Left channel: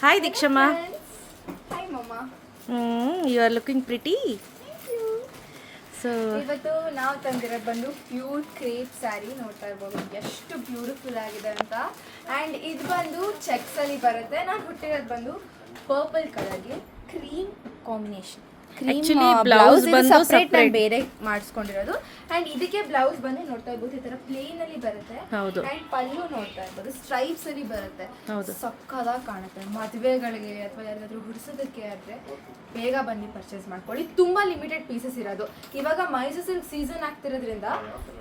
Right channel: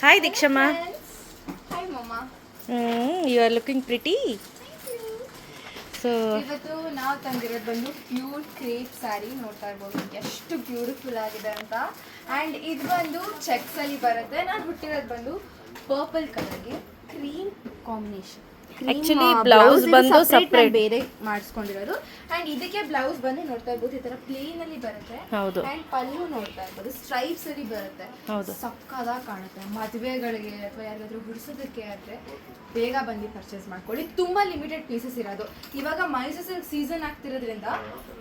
Hi Dikshama. Hi Mama. You are looking pretty. So ಇವತ್ತು ನಾವು ತಂದಿರೋದು ಬಂದು ಪ್ಯೂರ್ ಕ್ರೇಪ್ ಸ್ಯಾರಿ ನೋಡ್ತಾ ಇರ್ಬೋದು ಎಷ್ಟು ಬ್ಯೂಟಿಫುಲ್ ಆಗಿದೆ ಅಂತ. ಆ್ಯಂಡ್ ಇದು ಬಂದು ಚೆಕ್ಸ್ ಅಲ್ಲಿ ಬರುತ್ತೆ. ನಾನು ಹುಟ್ಟಿರೋದು ಬಂದು ಪರ್ಪಲ್ ಕಲರ್ಗೆ ಕ್ರೀಮ್ ಕಾಂಬಿನೇಷನ್. ಆಕ್ಚುಲಿ ಬ್ಲೌಸ್ ಬಂದು ಸಪ್ರೇಟ್ ಬೇರೆ ಮಾಡಿಸ್ಕೊಂಡಿರೋದು. ಆ್ಯಂಡ್ ಇದಕ್ಕೆ ಬ್ಲೌಸ್ ಬಂದು ನೋಡ್ತಾ ಇರ್ಬೋದು ಈ ತರ ಪ್ಲೇನ್ ಅಲ್ಲಿ ಬರುತ್ತೆ. ಹೌದು. ಆ್ಯಂಡ್ ಪಲ್ಲು ನೋಡ್ತಾ ಇರ್ಬೋದು ಸ್ಟ್ರೈಪ್ಸ್ ಅಲ್ಲಿ ಬರುತ್ತೆ. ಹೌದು. ಸಕ್ಕದಾಗಿ ಕಾಣುತ್ತೆ. ಮದುವೆಗಳಿಗೆ ಅಥವಾ ಯಾರಿಗಾದ್ರೂ ಹುಡ್ಸೋದಕ್ಕೆ ಆದರೆ ಬೇಗ ಬಂದು ಪರ್ಚೇಸ್ ಮಾಡ್ಕೊಳ್ಳಿ. ತುಂಬಾ ಲಿಮಿಟೆಡ್ ಪೀಸಸ್ ಇರೋದು. ಇವಾಗ ಮೈಸೂರು ಸಿಲ್ಕ್ ಸೀಸನ್ ಆಗ್ತಿರೋದ್ರಿಂದ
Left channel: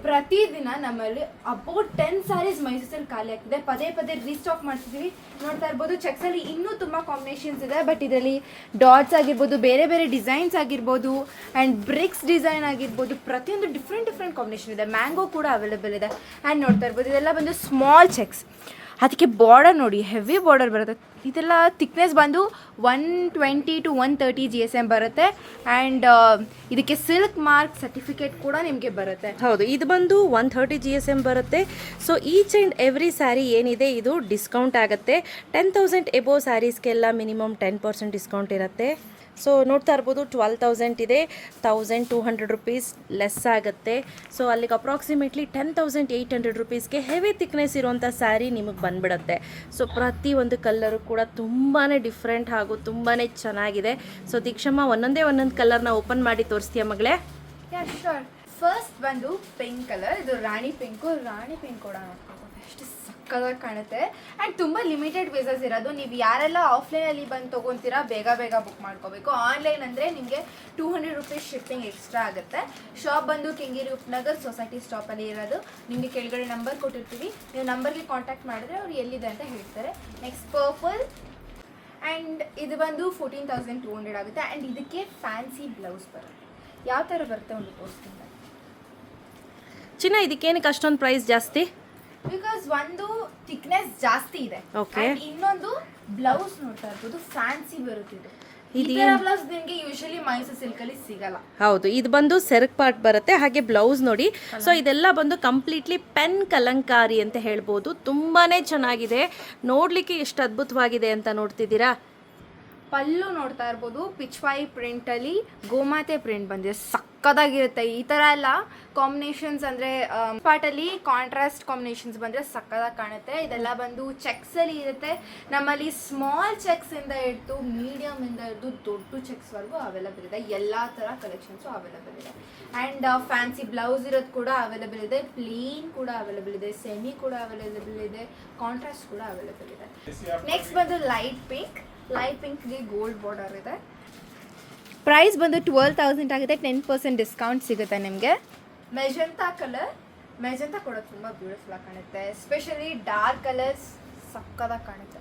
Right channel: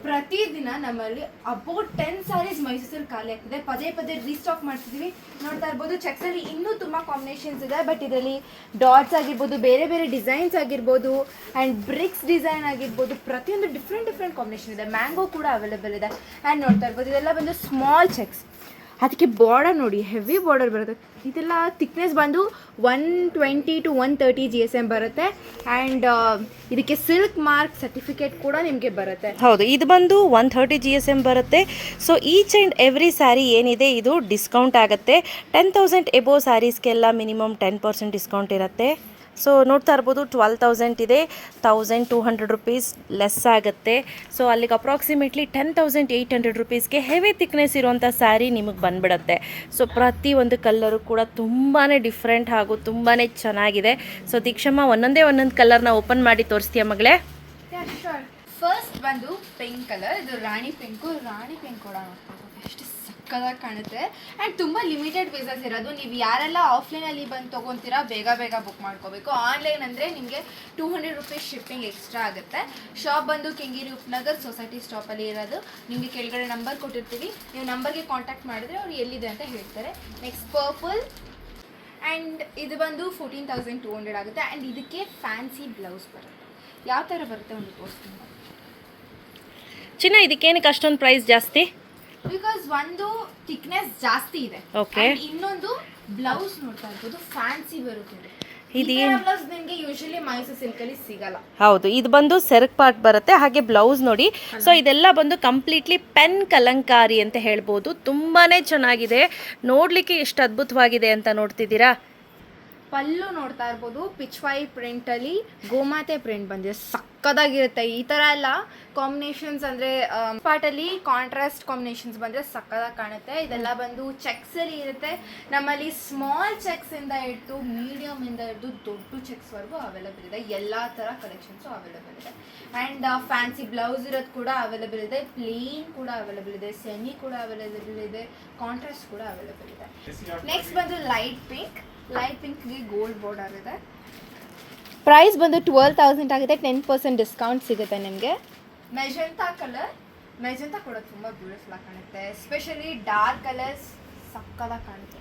ಪ್ರತಿದಿನ ನಮ್ಮಲ್ಲಿ ಅಬೌಟ್ 10 ಸ್ಯಾರೀಸ್ ಮೈಸೂರು ಸಿಲ್ಕ್ ಖಾಲಿ ಆಗ್ತಿದೆ. ಪದೇ ಪದೇ ರೀಸ್ಟಾಕ್ ಮಾಡ್ತಿದ್ದೀವಿ. ನೋಡ್ತಾ ಇರ್ಬೋದು ಚೆಕ್ಸ್ ಅಲ್ಲಿ ಇನ್ನೂ ತುಂಬಾ ಕಾಂಬಿನೇಷನ್ಸ್ ಇದೆ. ಬಟ್ ಇದರಲ್ಲಿ ಡಾಟ್ಸ್ ಆಗಿರ್ಬೋದು, ಬೇರೆ ಬೇರೆ ಡಿಸೈನ್ಸ್ ಆಗಿರ್ಬೋದು, ಆ್ಯಂಡ್ ಬ್ರಿಕ್ಸ್ ಡಿಸೈನ್ ಆಗಿರ್ಬೋದು, ಪ್ರತಿಯೊಂದು ಡಿಫ್ರೆಂಟ್ ಕಾಂಬಿನೇಷನ್ ಇದೆ. ಮ್ಯಾಂಗೋ ಕೂಡ ಅವೈಲೇಬಲ್ ಇದೆ. ಆ್ಯಂಡ್ ನೋಡ್ತಾ ಇರ್ಬೋದು ಇದೆಲ್ಲ ಬಂದು ಸ್ಮಾಲ್ ಚೆಕ್ಸ್. ಅದಕ್ಕೆ ಬಾರ್ಡರ್ ನೋಡಿ ಹೆವಿ ಬಾರ್ಡರ್ ಬರುತ್ತೆ. ಇದೆಲ್ಲ ಥಿಕ್ನೆಸ್ ಬಂದು 120 to 130 GSM ಬರುತ್ತೆ. ಆ್ಯಂಡ್ ಇದಕ್ಕೆ ಸಿಲ್ಕ್ ಮಾರ್ಕ್ ಸರ್ಟಿಫಿಕೇಟ್ ಕೂಡ ನಿಮಗೆ ಬರುತ್ತೆ. ಹೌದು, ಇದು ಬಂದು 130 GSM ಬರುತ್ತೆ. So each and every sari ಏನಿದೆ ಇದು ಡಿಸ್ಕೌಂಟ್ ಆಗುತ್ತೆ. 10,000 ಎಬೋ ಸ್ಯಾರೀಸ್ಗೆಲ್ಲ ಮಿನಿಮಮ್ 10% ಡಿಸ್ಕೌಂಟ್ ಇರುತ್ತೆ. ಸೊ ನೋಡ್ತಾ ಇರ್ಬೋದು 12,000 ಇದೆ, 1,200 ರುಪೀಸ್ ಲೆಸ್ ಆಗುತ್ತೆ. ಸೊ ಅಲ್ಲಿಗೆ ಅಪ್ರಾಕ್ಸಿಮೇಟ್ಲಿ 10,800 ರುಪೀಸ್ಗೆ ಹೆವಿ ಥಿಕ್ನೆಸ್ ಇರುವಂಥ ಸ್ಯಾರಿ ನಿಮಗೆ ಬಂದ್ಬಿಡುತ್ತೆ. ಸೊ ಪ್ರತಿ ಒಂದು ಕಲ್ಲರು ಕೂಡ ತುಂಬಾ ಡಿಫ್ರೆಂಟ್ ಹಾಗೂ ತುಂಬಾ ಚೆನ್ನಾಗಿದೆ. ಸೊ ದೀಕ್ಷಮ್ಮ ಒಂದೊಂದು ಕಲರ್ನ ಓಪನ್ ಮಾಡಿ ತೋರಿಸ್ತೀಯ ಮಗಳೇ? ಫಸ್ಟ್ ಬಂದು ಪಿಂಕ್ ಕಲರ್. ಇದು ರಾಣಿ ಪಿಂಕ್ ಕೂಡ ಎಷ್ಟು ಸಕ್ಕದಾಗಿ ಕಾಣುತ್ತೆ. ಆ್ಯಂಡ್ ತುಂಬ ಲಿಮಿಟೆಡ್ ಪೀಸಸ್ ಇರೋದು. ನೀವು ಯಾರೆಲ್ಲ ಆಫ್ಲೈನಲ್ಲಿ ಬಂದು ತೊಗೊತೀರಾ ಬೇಗ ಬುಕ್ ಮಾಡ್ಕೋಬೇಕು. ಆನ್ಲೈನ್ ಅಂದರೆ ನಿಮಗೆ 200 ರುಪೀಸ್ ಶಿಪ್ಪಿಂಗ್ ಎಕ್ಸ್ಟ್ರಾ ಆಗುತ್ತೆ. ಶಾಪ್ ಬಂದು ಕೆಂಗೇರಿ ಉಪನಗರ್ ಸೊಸೈಟಿ ಸ್ಟಾಪಲ್ಲಿ ಇರೋದು. ನಿಮಗೆ ಕೆಳಗಡೆ ನಂಬರ್ ಕೊಟ್ಟಿರ್ತೀವಿ. ನೀವು ನಂಬರ್ಗೆ ಕಾಂಟ್ಯಾಕ್ಟ್ ಮಾಡಿದ್ರೆ ಅವ್ರು ಎಲ್ಲಿದೆ ಅಂತ ಹೇಳ್ತಾರೆ. Next purple. ಆ್ಯಂಡ್ ಇದು ಬಂದು 14,200 ಆಗುತ್ತೆ. ಆ್ಯಂಡ್ ಇದಕ್ಕೆ ಫ್ಯಾನ್ಸಿ ಬ್ಲೌಸ್ ಬರುತ್ತೆ. ಯಾವ ಥರ ಬರುತ್ತೆ ಒಂದು ತೋರಿಸ್ತೀನಿ. ಚಿನ್ನ ಇದಕ್ಕೇನಕ್ಕೆ ಅಷ್ಟೊಂದು ಪ್ರೈಸ್ ಜಾಸ್ತಿ? ಬಿಕಾಸ್ ಒಂದು ಥಿಕ್ನೆಸ್ ಜಾಸ್ತಿ ಇದೆ. ಓಕೆ. ಇನ್ನೊಂದು ಬ್ಲೌಸ್ ನೋಡ್ತಾ ಇರ್ಬೋದು ಫ್ಯಾನ್ಸಿ ಬರುತ್ತೆ. ಇದು ಬ್ಲೌಸ್ ನಿಮಗೆ ಯೂಶಲಿ ಮೈಸೂರು ಸಿಲ್ಕ್ ಅಲ್ಲಿ ಸಿಗಲ್ಲ. ಹೌದು, ಇದು ಬಂದು ಸೆರಕ್ ಪಾರ್ಟ್ ಬರುತ್ತೆ. ಹಾಗೆ ಬ್ಲೌಸ್ ನೋಡಿ. ಸೊ ಇದೆಲ್ಲ ಬಂದು ಕಂಪ್ಲೀಟ್ಲಿ ಪೆನ್ ಕಲಂಕಾರಿ ಅಂತ ಹೇಳ್ಬೋದು. ತುಂಬಾ ಚೆನ್ನಾಗಿದೆ. ನೋಡಲಿಕ್ಕೆ ಎಷ್ಟು ಅದ್ಭುತವಾಗಿದೆ ಅಂತ ನೋಡ್ತಿದ್ದೀರಾ. ಪಲ್ಲು ನೋಡ್ತಾ ಇರ್ಬೋದು ಪಿಚ್ವಾಯಿ ಪ್ರಿಂಟಲ್ಲಿ ಗೋಮಾತೆ ಪ್ರಿಂಟ್ ಬಂದಿದೆ. ಸಕ್ಕದಾಗಿರುತ್ತೆ. ಈ ಥರ ಎಲ್ಲ ಕಾಂಬಿನೇಷನ್ಸ್ ಅಂದರೆ ಪಾರ್ಟಲ್ಲಿ ಕಾಂಟ್ರಾಸ್ಟ್ ಕಾಂಬಿನೇಷನ್ಸ್ ಬಂದರೆ ಸಕ್ಕದಾಗಿ ಕಾಣುತ್ತೆ. ಇದೆಲ್ಲ ಬಂದು ಚೆಕ್ಸಲ್ಲಿ ಇರುತ್ತೆ. ನಮ್ಮಲ್ಲಿ ಸ್ಮಾಲ್ ಚೆಕ್ಸಿಂದ ಹಿಡಿದು ಮೀಡಿಯಮಿಂದ ಹಿಡಿದು ದೊಡ್ಡ ಚೆಕ್ಸ್ವರೆಗೂ ಅವೈಲೇಬಲ್ ಇದೆ. ಎಲ್ಲ ಥರ ಕಲೆಕ್ಷನ್ಸು ಅವೈಲೇಬಲ್ ಇದೆ. ಆ್ಯಂಡ್ ಫ್ಯಾನ್ಸಿ ಬ್ಲೌಸ್ ಇರೋದು ಕೂಡ ಅವೈಲೇಬಲ್ ಇದೆ. ಪ್ಲೇನ್ ಕೂಡ ಅವೈಲೇಬಲ್ ಇದೆ. ಸೆಮಿ ಕೂಡ ಅವೈಲೇಬಲ್ ಇದೆ. ಕಾಂಟ್ರಾಸ್ಟ್ ಕೂಡ ಅವೈಲೇಬಲ್ ಇದೆ. ನೆಕ್ಸ್ಟ್ ಬಂದು ಲೈಟ್ ಪಿಂಕ್ಗೆ ಗೋಲ್ಡ್ ಬಾರ್ಡರ್ ಇದೆ. ಪ್ರೈಸ್ ಬಂದು 12,000 ಆಗುತ್ತೆ. 10% ಡಿಸ್ಕೌಂಟ್ ಸಿಗುತ್ತೆ ನಿಮಗೆ. ಮೆಜೆಂಟಾ ಕೂಡ ತುಂಬ ಬ್ಯೂಟಿಫುಲ್ ಆಗಿ ಕಾಣುತ್ತೆ. ಎಸ್ಪೆಷಲಿ ಡಾರ್ಕ್ ಕಲರ್ಸ್ ಸಕ್ಕದಾಗಿ ಕಾಣುತ್ತೆ.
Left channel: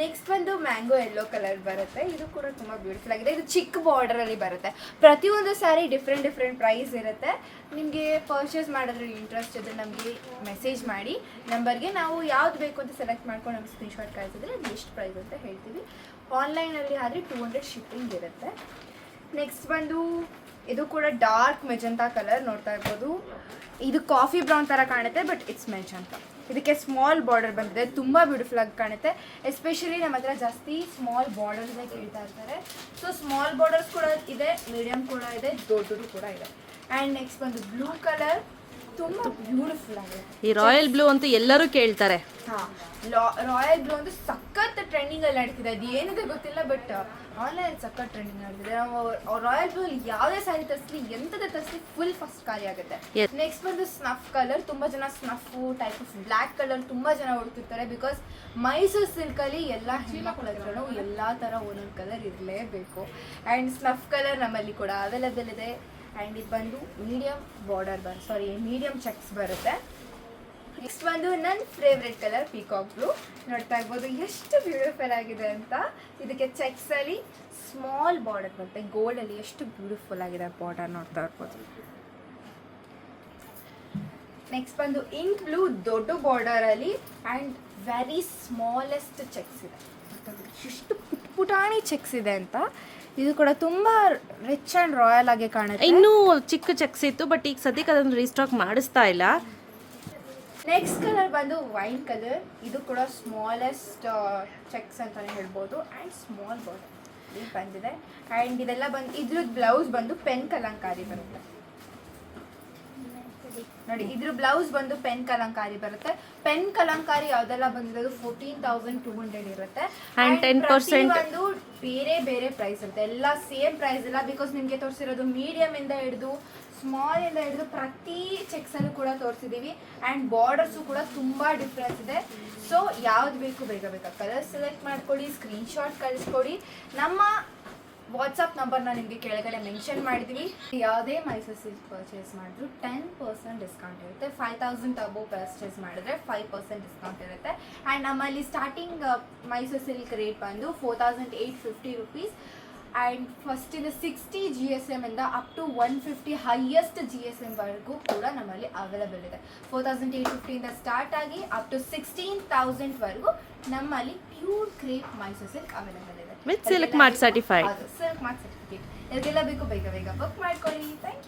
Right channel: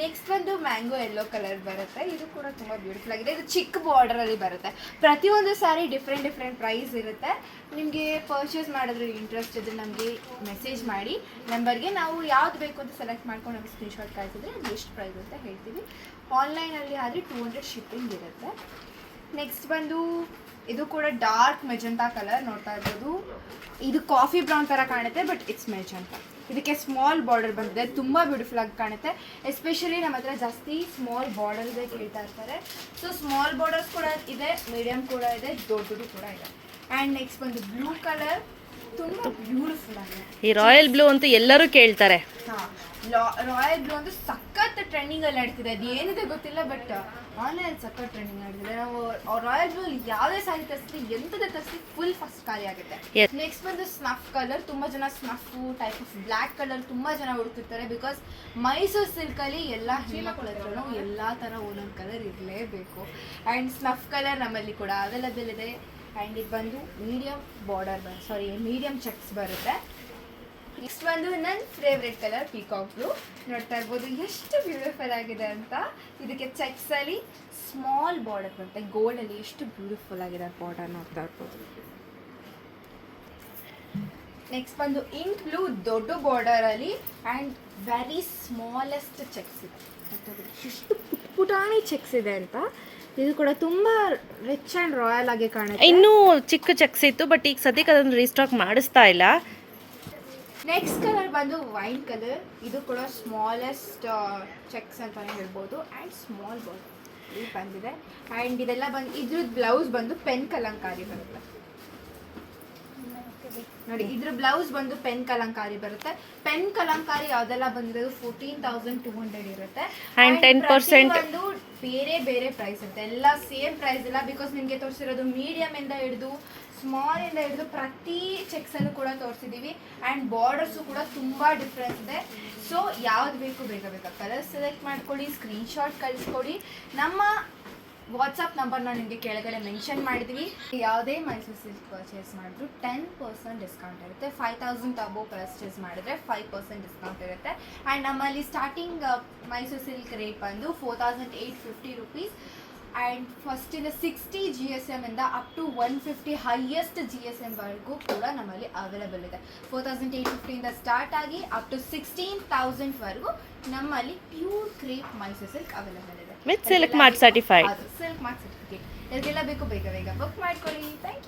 ನೆಕ್ಸ್ಟ್ ಬಂದು ಮ್ಯಾಂಗೋ ಯೆಲ್ಲೋ ಕಲರ್ ಬರುತ್ತೆ. ಇದು ಕೂಡ ತುಂಬ ಬ್ಯೂಟಿಫುಲ್ ಆಗಿದೆ. ಇದು ಚಿಕ್ಕ ಬಾರ್ಡರಲ್ಲಿ ಬರುತ್ತೆ. ಪ್ರತಿಯೊಂದು ಸ್ಯಾರಿ ಡಿಫ್ರೆಂಟ್ ಪ್ರೈಸ್ ಇರುತ್ತೆ. ನಿಮಗೆ ಪರ್ಚೇಸ್ ಮಾಡೋದ್ರಲ್ಲಿ ಇಂಟ್ರೆಸ್ಟ್ ಇದ್ದರೆ ನಮಗೆ ಮೆಸೇಜ್ ಮಾಡಿ ನಂಬರ್ಗೆ. ನಾವು ಯಾವ್ದು ಬೇಕು ಅಂತ ಸೆಲೆಕ್ಟ್ ಮಾಡ್ಕೊಂಡು ನಮಗೆ ಸ್ಕ್ರೀನ್ಶಾಟ್ ಕಳಿಸಿದ್ರೆ ಅದು ಎಷ್ಟು ಪ್ರೈಸ್ ಅಂತ ಹೇಳ್ತೀವಿ. ಆನ್ಲೈನಲ್ಲಿ ಆದರೆ 200 ಶಿಪ್ಪಿಂಗ್ ಇರುತ್ತೆ. ನೆಕ್ಸ್ಟ್ ಬಂದು ಇದು ಕೂಡ ಡಾರ್ಕ್ ಮೆಜೆಂಟಾ ಕಲರ್ ನೋಡ್ತಾ ಇರ್ಬೋದು. ಇದು ಕಾಫಿ ಬ್ರೌನ್ ಥರ ಕಾಣುತ್ತೆ ಬಟ್ ಇಟ್ಸ್ ಮೆಜೆಂಟಾ. ಇದಕ್ಕೆ ಸ್ಮಾಲ್ ಬಾರ್ಡರ್ ಬಂದಿದೆ. ತುಂಬ ಬ್ಯೂಟಿಫುಲ್ ಆಗಿ ಕಾಣುತ್ತೆ. ಎಸ್ಪೆಷಲಿ ನಮ್ಮ ಹತ್ರ ಜಾಸ್ತಿ ಸ್ಮಾಲ್ ಬಾರ್ಡರ್ಸ್ ಕೇಳ್ತಾ ಇರ್ತಾರೆ. ಸೊ ಸ್ಮಾಲ್ ಬಾರ್ಡರ್ಸ್ ಕೂಡ ಇದೆ, ಮೀಡಿಯಮ್ ಕೂಡ ಇದೆ, ದೊಡ್ಡದು ಕೂಡ ಇದೆ. ಆ್ಯಂಡ್ ನೆಕ್ಸ್ಟ್ ಬಂದು ಬ್ಲೂ ಕಲರ್ ತುಂಬ ಬ್ಯೂಟಿಫುಲ್ ಆಗಿದೆ. ಈ ರಾಯಲ್ ಬ್ಲೂ ಅಂತೂ ಎಲ್ಲರೂ ಕೇಳ್ತಾರೆ. ಹಾಂ, ರಾಯಲ್ ಬ್ಲೂ ಅಂತೂ ಸಖತ್ ಟ್ರೆಂಡಿಂಗಲ್ಲಿ ನಡೀತಿದೆ. ಅದು ಏನಿದೆ ಗೊತ್ತಿಲ್ಲ ಬಟ್ ಆನ್ಲೈನ್ ಸಖತ್ ಟ್ರೆಂಡಿಂಗ್ ನಡೀತಿದೆ. ನಾವು ರಾಯಲ್ ಬ್ಲೂ ಯಾವುದೇ ಸ್ಯಾರಿ ತರಿಸ್ಲಿ ಎಂಥದ್ದು ತರಿಸ್ಲಿ ಫುಲ್ ಫಸ್ಟ್ ಖಾಲಿ ಆಗುತ್ತೆ. ನೆಕ್ಸ್ಟ್ ಬಂದು ಸ್ನಫ್ ಕಲರ್. ತುಂಬ ಜನ ಸ್ನಫು ಟೈಪ್ ಆಫ್ ಬ್ಲ್ಯಾಕ್ ಕಲರ್ ತುಂಬ ಜನ ಹುಡುಕ್ತಿರ್ತಾರೆ. ಬಿಕಾಸ್ ಮೈಸೂರು ಸಿಲ್ಕಲ್ಲಿ ಎಲ್ಲ ಹೆಣ್ಮಕ್ಳಲ್ಲೂ ಎಲ್ಲ ಥರ ಒಂದೊಂದು ಕಲರ್ ಇರಲೇಬೇಕು. ಆ್ಯಂಡ್ ಸ್ನಫ್ ಕಲರ್ ನಮ್ಮಲ್ಲಿ ಕೂಡ ಅವೈಲೇಬಲ್ ಇದೆ. ಆ್ಯಂಡ್ ಇದು ಬಂದು ಮೀಡಿಯಮ್ ಚೆಕ್ಸ್ ಬರುತ್ತೆ. ನೆಕ್ಸ್ಟ್ ಬಂದು ನನ್ನ ಫೇವ್ರೆಟ್ ಕಲರ್ ಪೀಕಾಕ್ ಬ್ಲೂ. ನೋಡ್ತಾ ಇರ್ಬೋದು ಎಷ್ಟು ಬ್ಯೂಟಿಫುಲ್ ಆಗಿದೆ ಅಂತ. ಇದಕ್ಕೆ ಚೆಕ್ಸಲ್ಲಿ ಸ್ಮಾಲ್ ಬಾರ್ಡರ್ ಬರುತ್ತೆ. ಗೋಲ್ಡಲ್ಲಿ ಎಷ್ಟು ಬ್ಯೂಟಿಫುಲ್ ಆಗಿದೆ ಬಾರ್ಡರ್ ನೋಡ್ತಾ ಇರ್ಬೋದು. ನೆಕ್ಸ್ಟ್ ಬಂದು ಇಂಕ್ ಬ್ಲೂ ದೊಡ್ಡ ಬಾರ್ಡರಲ್ಲಿ ಆ್ಯಂಡ್ ವೆರಿ ಸ್ಮಾಲೆಸ್ಟ್ ಚೆಕ್ಸ್ ಇದೆ. ಎಷ್ಟು ಪುಟಾಣಿ ಚೆಕ್ಸ್ ಇದೆ ಅಂತ. ಇದು ಕೂಡ ತುಂಬ ರಿಚ್ ಆ್ಯಂಡ್ ರಾಯಲ್ ಆಗಿ ಕಾಣುತ್ತೆ. ಇನ್ನೂ ಚಿಕ್ಕ ಚೆಕ್ಸ್ ಇತ್ತು ಬಟ್ ಈಗ ಸದ್ಯಕ್ಕೆ ಅದನ್ನು ರೀಸ್ಟಾಕ್ ಮಾಡಿಸ್ತಾ ಇಲ್ಲ. ನೆಕ್ಸ್ಟ್ ಕಲರ್ ಬಂದು ವೈನ್ ಕಲರ್. ಇದು ಕೂಡ ಸ್ಮಾಲೆಸ್ಟ್ ಚೆಕ್ಸ್ ಅಂತಾನೆ ಹೇಳ್ಬೋದು ಆ್ಯಂಡ್ ಸ್ಮಾಲ್ ಬಾರ್ಡರ್ ಇದು ಬಂದಿದೆ. ಆ್ಯಂಡ್ ಇದೆಲ್ಲ ಬಂದು ಇದ್ರದ್ದು ಬ್ಲೌಸ್ ಬಂದು ಪೆನ್ ಕಲಂಕಾರಿ ಬರುತ್ತೆ ನೋಡಿ. ಇದ್ರ ಬ್ಲೌಸ್ ಬಂದು ಪೆನ್ ಕಲಂಕಾರಿ ಬರುತ್ತೆ. ಪೆನ್ ಕಲಂಕಾರಿ ಯಾವ್ದೆಲ್ಲ ಬಂದಿರೋದು 14,200 ಇರುತ್ತೆ. And 10% ಒಂದು ಬೇರೆ ಬೇರೆ ಪ್ರೈಸ್ ಇರುತ್ತೆ, ಎಲ್ಲ ಸೇಮ್ ಪ್ರೈಸ್ ಇಲ್ಲ. ಬಿಕಾಸ್ ನಿಮಗೆ ತೋರಿಸಿರೋದು ಮೀಡಿಯಮ್ ಇಂದ ಹಿಡಿದು ಸ್ಮಾಲ್ ಇಂದ ಹಿಡಿದು ಪ್ರತಿ ಚೆಕ್ಸ್ ಅನ್ನು ಕೂಡ ತೋರಿಸಿದೀವಿ. ಆ್ಯಂಡ್ ಬಾರ್ಡರ್ಸು ಕೂಡ ತುಂಬಾ ಡಿಫ್ರೆನ್ಸ್ ಇದೆ. ಸೊ ಯಾವ್ದು ಬೇಕು ಬೇಗ ಕಲರ್ ಸೆಲೆಕ್ಟ್ ಮಾಡ್ಕೊಳ್ಳಿ, ಸ್ಕ್ರೀನ್ಶಾಟ್ ಕಳಿಸ್ಕೊಡಿ. ನಮ್ಮ ವಾಟ್ಸಪ್ ನಂಬರ್ನ ನಿಮಗೆ ಕೆಳಗಡೆ ಮೆನ್ಷನ್ ಮಾಡಿದ್ವಿ. ಯಾವುದೇ ಮೈಸೂರು ಸಿಲ್ಕ್ ಪರ್ಚೇಸ್ ಮಾಡಿದ್ರು 10% ಡಿಸ್ಕೌಂಟ್ ಇರುತ್ತೆ. 5,000 ಅಬೋವ್ ಪರ್ಚೇಸ್ ಮಾಡಿದ್ರೆ 5% ಡಿಸ್ಕೌಂಟ್ ಇರುತ್ತೆ. ಆ್ಯಂಡ್ ನಮ್ಮಲ್ಲಿ ಸ್ಟಾರ್ಟಿಂಗ್ ಮೈಸೂರು ಸಿಲ್ಕ್ ರೇಟ್ ಬಂದು 4,850 ರುಪೀಸ್. ಆ್ಯಂಡ್ ಫಸ್ಟ್ ಇದು 60 GSM ಇಂದ ಅಪ್ ಟು 150 ಹೈಯೆಸ್ಟ್ GSM ವರೆಗೂ ಕೂಡ ನಮ್ಮಲ್ಲಿ ಅವೈಲೇಬಲ್ ಇದೆ. 4,850 ಇಂದ ಸ್ಟಾರ್ಟ್ ಆಗಿ ಅಪ್ ಟು 16,000 ವರೆಗೂ ನಮ್ಮಲ್ಲಿ pure crepe Mysuru silk available ಇದೆ with silk mart certified. Silk mart certificate. ಇದೆಲ್ಲ ಬೇಕು ಬೇಗ ಬೇಗ ಬುಕ್ ಮಾಡ್ಕೊಳ್ಳಿ. Thank you.